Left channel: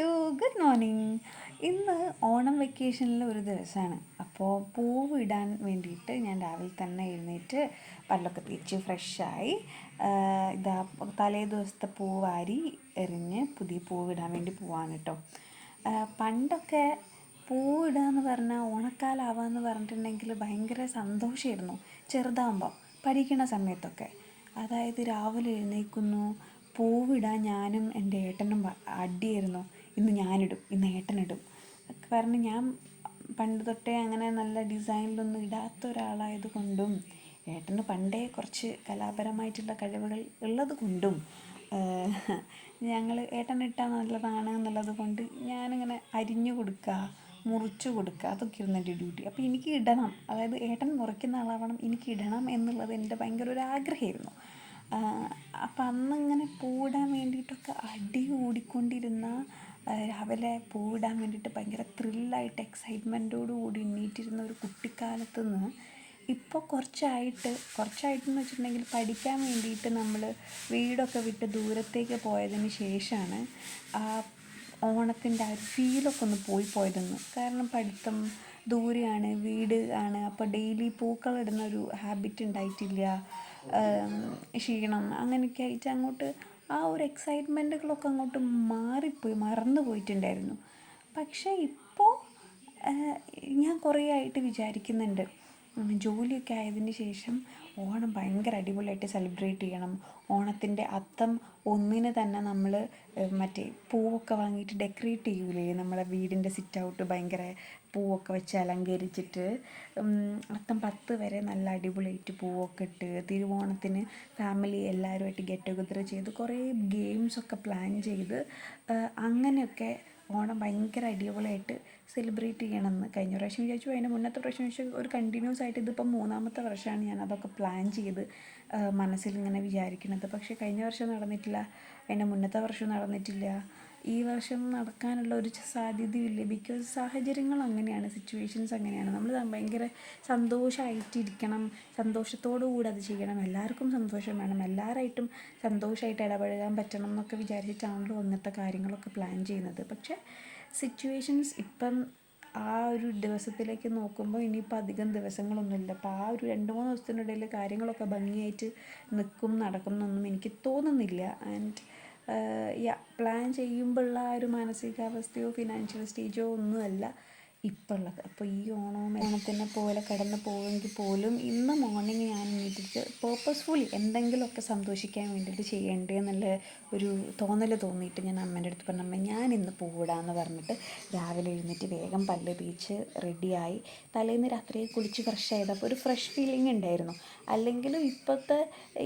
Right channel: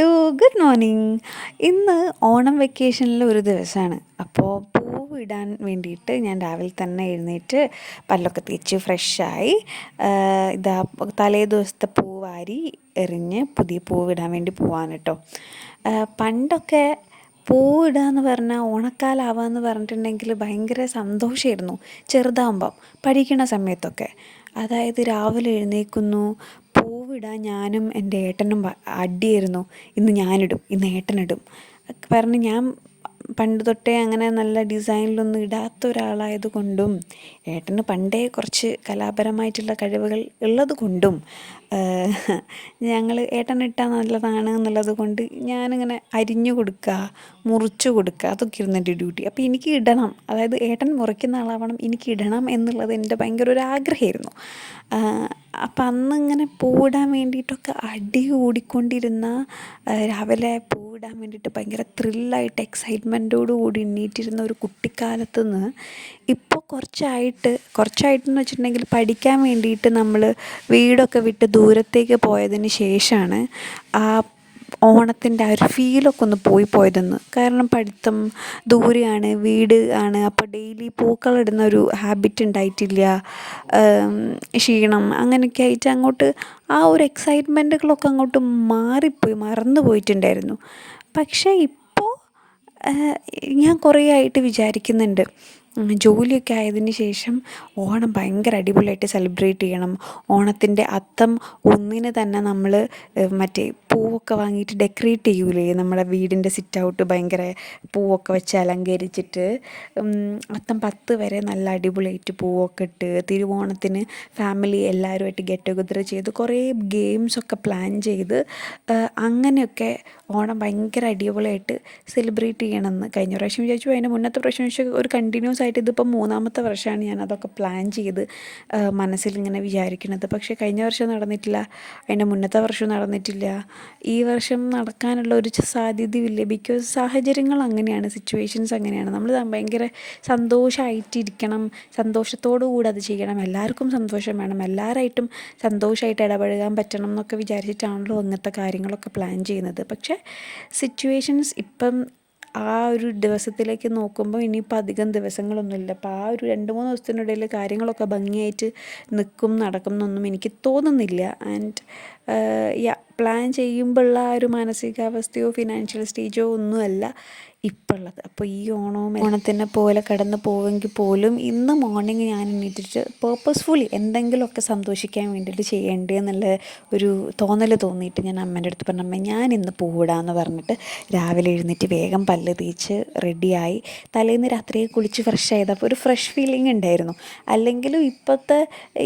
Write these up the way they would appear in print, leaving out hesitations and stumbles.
Hello, good morning. ഇന്ന് ഓണം വെക്കേഷനിലെ ഒരു ദിവസമാണ്. അപ്പോൾ പൂവിടാൻ വേണ്ടിയിട്ട് ഞാൻ രാവിലെ തന്നെ എഴുന്നേറ്റ് പല്ലൊക്കെ തേച്ച് ഫ്രഷായി ഇതാ തലേ ദിവസത്തെ പൂവാരി എറിഞ്ഞ് പുതിയ പൂവിടാൻ വേണ്ടി പോവാണ് കേട്ടോ. പണ്ടൊക്കെ പൂവിടുക എന്ന് പറഞ്ഞാൽ ഓണക്കാലാവുക എന്ന് പറഞ്ഞിട്ടുണ്ടെങ്കിൽ ഭയങ്കര സന്തോഷമായിരുന്നു ചെറുതാകുമ്പം പഠിക്കുന്ന സമയത്തൊക്കെ. അതായത് രാവിലെ എഴുന്നേൽക്കുന്നു, പൂവിടാൻ ഞാനും എൻ്റെ ഏട്ടനും അടിയായിരുന്നു. ഇന്ന് ഞാനിടും, ഇന്ന് ഏട്ടനിടും പറഞ്ഞ് ഞാൻ പണ്ട് തൊട്ടേ അങ്ങനെ നല്ല ഡിസൈനിലൊന്നും ഇടാത്ത ഒരാളായത് കൊണ്ടും ഏട്ടന് പണ്ടേ കുറച്ച് കലാപരമായിട്ടുള്ള കഴിവുകൾ ഉള്ളത് കൊണ്ടും ഞങ്ങൾ ഏട്ടനിട്ടാൽ നല്ലതാണ് എന്നുള്ളത് കൊണ്ട് ഞാനിങ്ങനെ അരിഞ്ഞു കൊടുക്കുക, മുറിച്ചു കൊടുക്കുക, അതൊക്കെ ഇരുന്ന് എൻ്റെ ഡ്യൂട്ടി. അപ്പോൾ എനിക്ക് ഇടണം, അതായത് ഏട്ടൻ മുറിക്കുന്ന ആളാവണം, എനിക്ക് ഇടണം എന്നുള്ളത് എൻ്റെ ഭയങ്കര ഒരു ആഗ്രഹമായിരുന്നു. അപ്പം അന്നിങ്ങനെ പൂവിടാൻ വേണ്ടിയിട്ടൊക്കെ അടി കൂടിക്കൊണ്ടിരുന്ന രാവിലെ പൂവിടാൻ വേണ്ടിയിട്ട് ഭയങ്കര ത്രില്ലായിട്ട് എക്സൈറ്റ്മെൻറ്റോടു കൂടി എണ്ണീറ്റിരുന്ന ഒരു കുട്ടിക്കാലത്ത് നിന്ന് ഇപ്പോൾ കുറച്ചായിട്ടെന്ന് വെച്ചിട്ടുണ്ടെങ്കിൽ പഠിക്കാൻ വേണ്ടിയിട്ട് നമ്മൾ വീടൊക്കെ വിട്ട് ദൂരത്തേക്ക് പോയതിന് ശേഷമാണ് ആ ഓണത്തിൻ്റെ ആ ഒരു ഫീലൊക്കെ ഒന്ന് പോയതെന്ന്. കാരണം പഠിത്തം ദൂരെയാണ്, വീട് ആണ്, അപ്പോൾ ഡെയിലി പൂക്കളിടുന്ന ഒരു ഹാബിറ്റ് ഉണ്ടായിട്ടില്ല. ക്ഷീണം അങ്ങനെയൊക്കെ ആയിട്ട് അങ്ങോട്ട് ആ ഒരു എക്സൈറ്റ്മെൻറ്റുകളൊക്കെ അങ്ങോട്ട് മറന്നു പോയിട്ടുണ്ടായിരുന്നു. പക്ഷേ ഇപ്പോൾ ഞാൻ കുറേ ആയിട്ട് വിചാരിക്കുന്നുണ്ട്, ജോലിയൊക്കെ ആയതിന് ശേഷം ഓണം ഭയങ്കര അടിപൊളിയായിട്ട് സെലിബ്രേറ്റ് ചെയ്യണം. ഓണത്തിൻ്റെ അത്തം ഒന്നിന് തന്നെ നമ്മൾ മറ്റേ പൂവൊക്കെ വാങ്ങിയിട്ട് ഡെക്കറേറ്റ് ചെയ്യൂലേ, നമ്മുടെ വീടിൻ്റെ സിറ്റ് ഔട്ട് ഭയങ്കര പൂവൊക്കെ വെച്ച് അലങ്കരിച്ചിട്ട് അത്തം 10 വരെ നല്ല അടിപൊളിയായിട്ട് പൂവൊക്കെ ഇട്ട് തിരുവോണത്തിന് ഫാമിലി എല്ലാവരുമായിട്ട് ഗെറ്റ് ടുഗദർ ചെയ്ത് കുറേ ഗെയിംസൊക്കെ പ്ലാൻ ചെയ്ത് അങ്ങനെയൊക്കെ ഓണം ഭയങ്കര അടിപൊളിയായിട്ട് സെലിബ്രേറ്റ് ചെയ്യണമെന്ന് കഴിഞ്ഞ പ്രാവശ്യം വിചാരിച്ചു. അതിൻ്റെ മുന്നത്തെ പ്രാവശ്യം വെച്ചാൽ ഒരു കണ്ടിന്യൂസ് ആയിട്ട് ഇതിപ്പം 3-ാമത്തെ വർഷമാണ് ഞാൻ അതൊക്കെ പ്ലാൻ ചെയ്ത് മനസ്സിലിങ്ങനെ വിചാരിക്കുന്നത്. പക്ഷേ കഴിഞ്ഞ വർഷം നടന്നിട്ടില്ല, അതിൻ്റെ മുന്നത്തെ വർഷവും നടന്നിട്ടില്ല. ഈ വർഷം നടക്കാനുള്ള ഒരു സാധ്യതയില്ല. ബിക്കോസ് സാഹചര്യങ്ങൾ അങ്ങനെയാണ്, സിറ്റുവേഷൻസ് അങ്ങനെയാണ്. നമ്മൾ ഭയങ്കര സന്തോഷമായിട്ടിരിക്കണം, സന്തോഷത്തോടു കൂടി അത് ചെയ്യണം, എല്ലാവർക്കും സന്തോഷം വേണം, എല്ലാവരായിട്ടും സന്തോഷമായിട്ട് ഇടപഴകാൻ പറ്റണം എന്നൊക്കെ വിചാരിച്ചിട്ടാണല്ലോ അങ്ങനത്തെ കാര്യങ്ങളൊക്കെ പ്ലാൻ ചെയ്യുന്നത്. പക്ഷേ സിറ്റുവേഷൻസ് ഇപ്പം ആ ഒരു ദിവസത്തിലേക്ക് നോക്കുമ്പോൾ ഇനിയിപ്പോൾ അധികം ദിവസങ്ങളൊന്നുമില്ല. അപ്പോൾ ആ ഒരു 2-3 ദിവസത്തിനിടയിൽ കാര്യങ്ങളൊക്കെ ഭംഗിയായിട്ട് നടക്കും എന്നൊന്നും എനിക്ക് തോന്നുന്നില്ല. ആൻഡ് പ്ലാൻ ചെയ്യുമ്പോഴുള്ള ആ ഒരു മാനസികാവസ്ഥയോ ഫിനാൻഷ്യൽ സ്റ്റേജോ ഒന്നുമല്ല ഇപ്പോൾ ഉള്ളത്. അപ്പോൾ ഈ ഓണത്തിനെ പോലെ കടന്നു പോവെങ്കിൽ പോലും ഇന്ന് മോർണിംഗ് ഞാൻ എണീറ്റിട്ട് പേർപ്പസ്ഫുള്ളി എന്തെങ്കിലുമൊക്കെ സന്തോഷിക്കാൻ വേണ്ടിയിട്ട് ചെയ്യേണ്ടേ എന്നുള്ള ഒരു തോന്നിയിട്ട് ഞാൻ അമ്മേൻ്റെ അടുത്ത് പറഞ്ഞു, അമ്മ ഞാൻ ഇന്ന് പൂവിടാമെന്ന് പറഞ്ഞിട്ട് രാവിലെ എഴുന്നേറ്റ് വേഗം പല്ല് തേച്ച് റെഡിയായി. തലേന്ന് രാത്രി കുളിച്ച് ഫ്രഷ് ആയതപ്പോൾ ഒരു ഫ്രഷ് ഫീലിംഗ് ഉണ്ടായിരുന്നു. അല്ലെങ്കിലും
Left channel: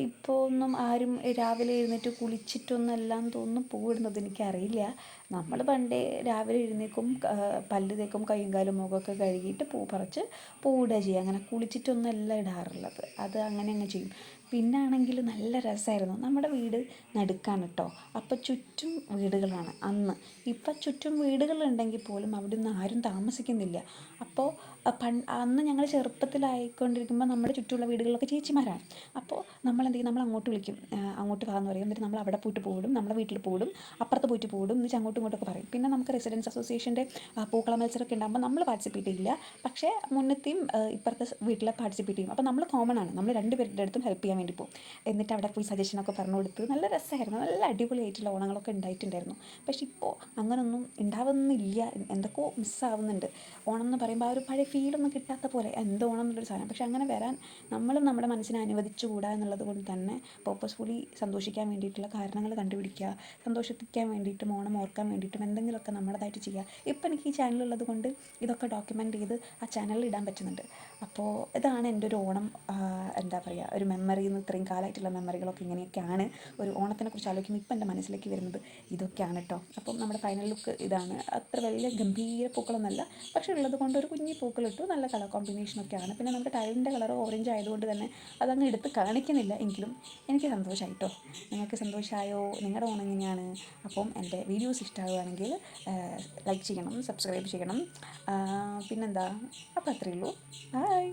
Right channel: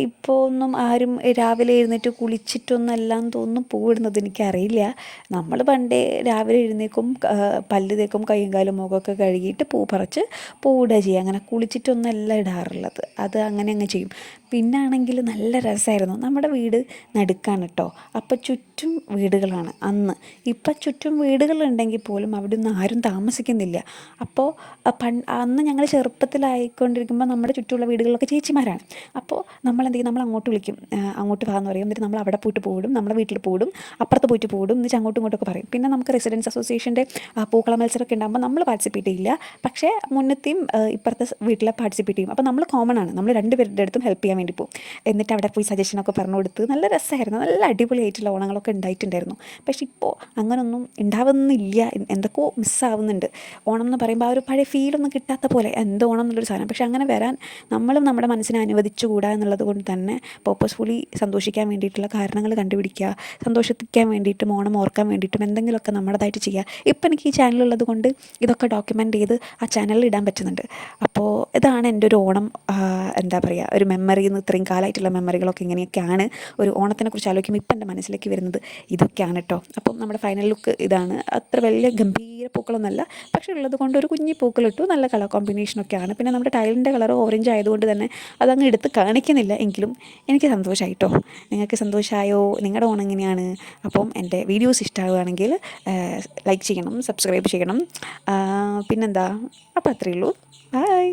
ഇപ്പോൾ ഒന്നും ആരും രാവിലെ എഴുന്നേറ്റ് കുളിച്ചിട്ടൊന്നും തോന്നുന്നു പൂവിടുന്നത് എനിക്കറിയില്ല. നമ്മൾ പണ്ടേ രാവിലെ എഴുന്നേക്കും, പല്ല് തേക്കും, കൈയും കാലും മുഖമൊക്കെ കഴുകിയിട്ട് പൂ പറിച്ച് പൂവിടുക ചെയ്യുക. അങ്ങനെ കുളിച്ചിട്ടൊന്നല്ല ഇടാറുള്ളത്, അത് അങ്ങനെ ചെയ്യും. പിന്നാണെങ്കിൽ നല്ല രസമായിരുന്നു. നമ്മുടെ വീട് നടുക്കാണ് കേട്ടോ, അപ്പോൾ ചുറ്റും വീടുകളാണ് അന്ന്. ഇപ്പം ചുറ്റും വീടുകളുണ്ടെങ്കിൽ പോലും അവിടെ ഒന്നും ആരും താമസിക്കുന്നില്ല. അപ്പോൾ അന്ന് ഞങ്ങൾ ചെറുപ്പത്തിലായിക്കൊണ്ടിരിക്കുമ്പോൾ നമ്മുടെ ചുറ്റുമുള്ള വീടുകളിലൊക്കെ ചേച്ചിമാരാണ്. അപ്പോൾ നമ്മളെന്ത് ചെയ്യും, നമ്മൾ അങ്ങോട്ട് വിളിക്കും, അങ്ങോട്ട് പോകാമെന്ന് പറയും. എന്നിട്ട് നമ്മൾ അവിടെ പോയിട്ട് പൂവിടും, നമ്മുടെ വീട്ടിൽ പൂവിടും, അപ്പുറത്ത് പോയിട്ട് പൂവിടും, എന്നിട്ട് അങ്ങോട്ടും ഇങ്ങോട്ടൊക്കെ പറയും. പിന്നെ നമുക്ക് റെസിഡൻസ് അസോസിയേഷൻ്റെ പൂക്കള മത്സരമൊക്കെ ഉണ്ടാകുമ്പോൾ നമ്മൾ പാർട്ടിസിപ്പേറ്റ് ചെയ്യില്ല, പക്ഷേ മുന്നത്തെയും ഇപ്പുറത്തെ വീട്ടിലെ പാർട്ടിസിപ്പേറ്റ് ചെയ്യും. അപ്പോൾ നമ്മൾ കോമൺ ആണ്, നമ്മൾ 2 പേരുടെ അടുത്തും ഹെൽപ്പ് ചെയ്യാൻ വേണ്ടി പോകും. എന്നിട്ട് അവിടെ പോയി സജഷനൊക്കെ പറഞ്ഞു കൊടുത്ത് നല്ല രസമായിരുന്നു, നല്ല അടിപൊളിയായിട്ടുള്ള ഓണങ്ങളൊക്കെ ഉണ്ടായിട്ടുണ്ടായിരുന്നു. പക്ഷേ ഇപ്പോൾ അങ്ങനൊന്നും ഉണ്ടാവുന്നില്ല, എന്തൊക്കെയോ മിസ്സാവുന്നുണ്ട്. ഓണം എന്ന് പറയുമ്പോൾ ആ ഒരു പഴയ ഫീലൊന്നും കിട്ടാത്ത പോലെ എന്തോ ഓണം എന്നുള്ളൊരു സാധനം. പക്ഷേ അങ്ങനെ വരാൻ നമ്മളും നമ്മുടെ മനസ്സിനെ അനുവദിച്ചുകൂടാ എന്നുള്ളത് കൊണ്ട് തന്നെ പേർപ്പസ്ഫുള്ളി സന്തോഷിക്കാൻ വേണ്ടിയിട്ടുള്ള കാരണങ്ങൾ കണ്ടുപിടിക്കുക, സന്തോഷിക്കാൻ വേണ്ടിയിട്ടും ഓണം ഓർക്കാൻ വേണ്ടിയിട്ടും എന്തെങ്കിലുമൊക്കെ നമ്മുടേതായിട്ട് ചെയ്യുക. ഇപ്പം എനിക്ക് ഈ ചാനലുള്ളത് കൊണ്ട് ഇതൊക്കെ ഡോക്യുമെൻ്റ് ചെയ്ത് ആ ചാനലിൽ ഇടാൻ പറ്റുന്നുണ്ട്. അപ്പോൾ ഇതാണ് എൻ്റെ ഒരു ഓണം, എന്താ പറയുക, ഒരു മെമ്മറിയിൽ നിന്ന് ഇത്രയും കാലമായിട്ടുള്ള മെമ്മറികളൊക്കെ ഇങ്ങനെയൊക്കെയാണ്. ഒരു ഓണത്തിനെ കുറിച്ച് ആലോചിക്കുമ്പോൾ ഇപ്പം എൻ്റെ മനസ്സിലേക്ക് വരുന്നത് ഇതൊക്കെയാണ് കേട്ടോ. അപ്പം നമ്മുടെ ഫൈനൽ ലുക്ക് ഇതാണ്. അത്ര വലിയ ഗംഭീര പൂക്കളൊന്നുമല്ല, പക്ഷേ ഉള്ളത് കൊണ്ട് ഒരു കുഞ്ഞി പൂക്കളിട്ടു, നല്ല കളർ കോമ്പിനേഷനൊക്കെയാണ്. പിന്നെ നമ്മുടെ ടൈലിൻ്റെ കളർ ഓറഞ്ച് ആയതുകൊണ്ട് തന്നെ അതങ്ങ് എടുത്ത് കാണിക്കുന്നില്ല, എങ്കിലും എനിക്ക് സന്തോഷമായിട്ടോ. നിങ്ങൾക്ക് സന്തോഷമായോ? നിങ്ങളുടെ ഓണം എങ്ങനെയാണ്? അപ്പം എൻ്റെ വീഡിയോസ് ഇഷ്ടമാവുകയാണെങ്കിൽ ലൈക്ക് ചെയ്യണം, സബ്സ്ക്രൈബ് ചെയ്യണം. പിന്നെന്താ, അപ്പോൾ അത്രയേ ഉള്ളൂ. ബൈ.